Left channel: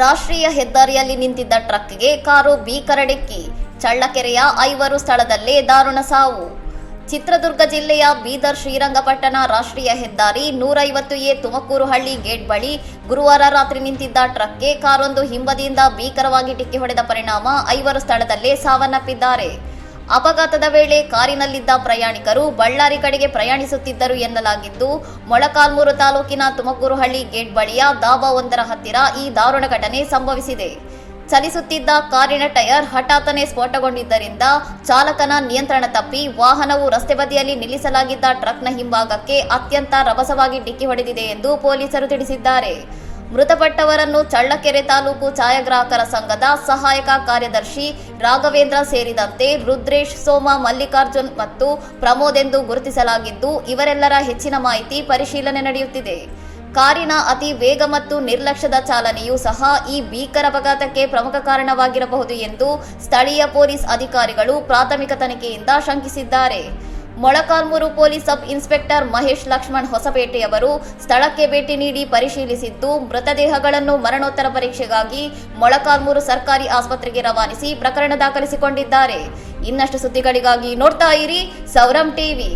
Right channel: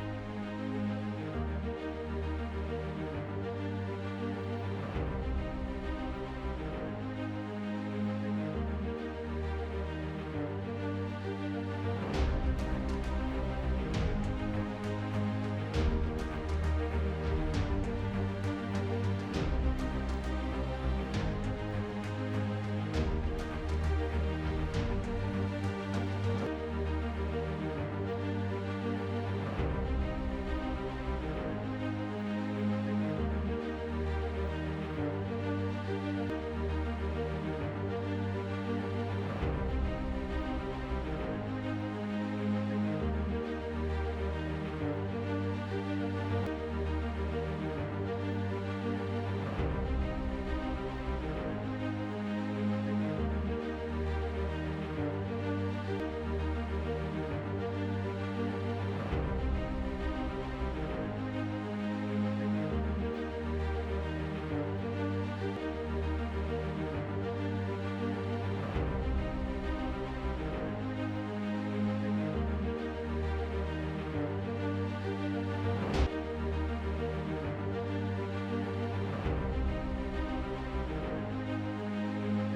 ರಾಷ್ಟ್ರೀಯ ಹೆದ್ದಾರಿಯಲ್ಲಿ ನಿಂತಿದ್ದ ಟ್ರಕ್ಗೆ ಕಾರು ಭೀಕರ ಡಿಕ್ಕಿ. ಚಳ್ಳಕೆರೆಯ ಐವರು ಸ್ಥಳದಲ್ಲೇ ದಾರುಣ ಸಾವು. ಚಿತ್ರದುರ್ಗ ಜಿಲ್ಲೆಯ ಬೀದರ್ ಶ್ರೀರಂಗಪಟ್ಟಣ ರಾಷ್ಟ್ರೀಯ ಹೆದ್ದಾರಿ 150A ತುಮಕೂರು ಹಳ್ಳಿ ಗೇಟ್ ಬಳಿ ಗುರುವಾರ ರಾತ್ರಿ ನಿಂತಿದ್ದ ಟ್ರಕ್ಗೆ ಕಾರೊಂದು ಹಿಂಬದಿಯಿಂದ ಭೀಕರವಾಗಿ ಡಿಕ್ಕಿ ಹೊಡೆದ ಪರಿಣಾಮ ಐವರು ಸ್ಥಳದಲ್ಲೇ ಸಾವನ್ನಪ್ಪಿದ್ದಾರೆ. ಅಪಘಾತದ ವೇಳೆ ಕಾರಿನಲ್ಲಿದ್ದ ಪ್ರಯಾಣಿಕರು ಬಳ್ಳಾರಿ ಕಡೆಗೆ ಪ್ರಯಾಣಿಸುತ್ತಿದ್ದರು ಎನ್ನಲಾಗಿದ್ದು, ಮೊಳಕಾಲ್ಮೂರು ತಾಲೂಕಿನ ತುಮಕೂರು ಹಳ್ಳಿ ಗೇಟ್ ಬಳಿಯ ದಾಬಾವೊಂದರ ಹತ್ತಿರ ಈ ದಾರುಣ ಘಟನೆ ಸಂಭವಿಸಿದೆ. ಚಲಿಸುತ್ತಿದ್ದ ಕಾರಿನ ಟೈರ್ ಹಠಾತ್ತನೆ ಸ್ಫೋಟಗೊಂಡಿದ್ದರಿಂದ ಚಾಲಕನ ನಿಯಂತ್ರಣ ತಪ್ಪಿ ವಾಹನವು ರಸ್ತೆ ಬದಿಯಲ್ಲಿ ನಿಲ್ಲಿಸಲಾಗಿದ್ದ ಟ್ರಕ್ನ ಹಿಂಭಾಗಕ್ಕೆ ಅತ್ಯಂತ ರಭಸವಾಗಿ ಡಿಕ್ಕಿ ಹೊಡೆದಿದೆ ಎಂದು ಪೊಲೀಸರು ತಿಳಿಸಿದ್ದಾರೆ. ಮೃತಪಟ್ಟವರನ್ನು ಚಳ್ಳಕೆರೆ ತಾಲೂಕು ಛಾಯಾಗ್ರಾಹಕರ ಸಂಘದ ಸಹಾಯಕ ಕಾರ್ಯದರ್ಶಿ ರಾಘವೇಂದ್ರ ಸೇರಿದಂತೆ ರುದ್ರೇಶ್, ಸೋಮ, ಮಲ್ಲಿಕಾರ್ಜುನ್ ಮತ್ತು ಪ್ರಮೋದ್ ಎಂದು ಗುರುತಿಸಲಾಗಿದ್ದು, ಇವರೆಲ್ಲರ ಹೆಚ್ಚಿನ ಮಾಹಿತಿ ಪರಿಶೀಲನೆ ನಡೆಯುತ್ತಿದೆ. ಕಾರಿನ ಅತಿ ವೇಗ ಮತ್ತು ನಿರ್ಲಕ್ಷ್ಯದ ಚಾಲನೆಯೂ ಸಹ ಈ ಭೀಕರ ಅಪಘಾತಕ್ಕೆ ಪ್ರಮುಖ ಕಾರಣವಾಗಿರಬಹುದು ಎಂದು ಸ್ಥಳೀಯ ಪೊಲೀಸ್ ಅಧಿಕಾರಿಗಳು ಪ್ರಾಥಮಿಕ ತನಿಖೆಯಿಂದ ಶಂಕಿಸಿದ್ದಾರೆ. Molakalmuru police sub inspector Mahesh Lakshman ಹೊಸಪೇಟೆಯವರು ಸ್ಥಳಕ್ಕೆ ಭೇಟಿ ನೀಡಿ ಪರಿಶೀಲಿಸಿದ್ದು, ಮೃತದೇಹಗಳನ್ನು ಮರಣೋತ್ತರ ಪರೀಕ್ಷೆಗಾಗಿ ಮೊಳಕಾಲ್ಮೂರು ಸರ್ಕಾರಿ ಆಸ್ಪತ್ರೆಗೆ ರವಾನಿಸಿ ಪ್ರಕರಣ ದಾಖಲಿಸಿಕೊಂಡಿದ್ದಾರೆ. ಇನ್ನಷ್ಟು ಸುದ್ದಿಗಳಿಗಾಗಿ ನೋಡ್ತಾ ಇರಿ ಸೌರಂ ಟಿವಿ.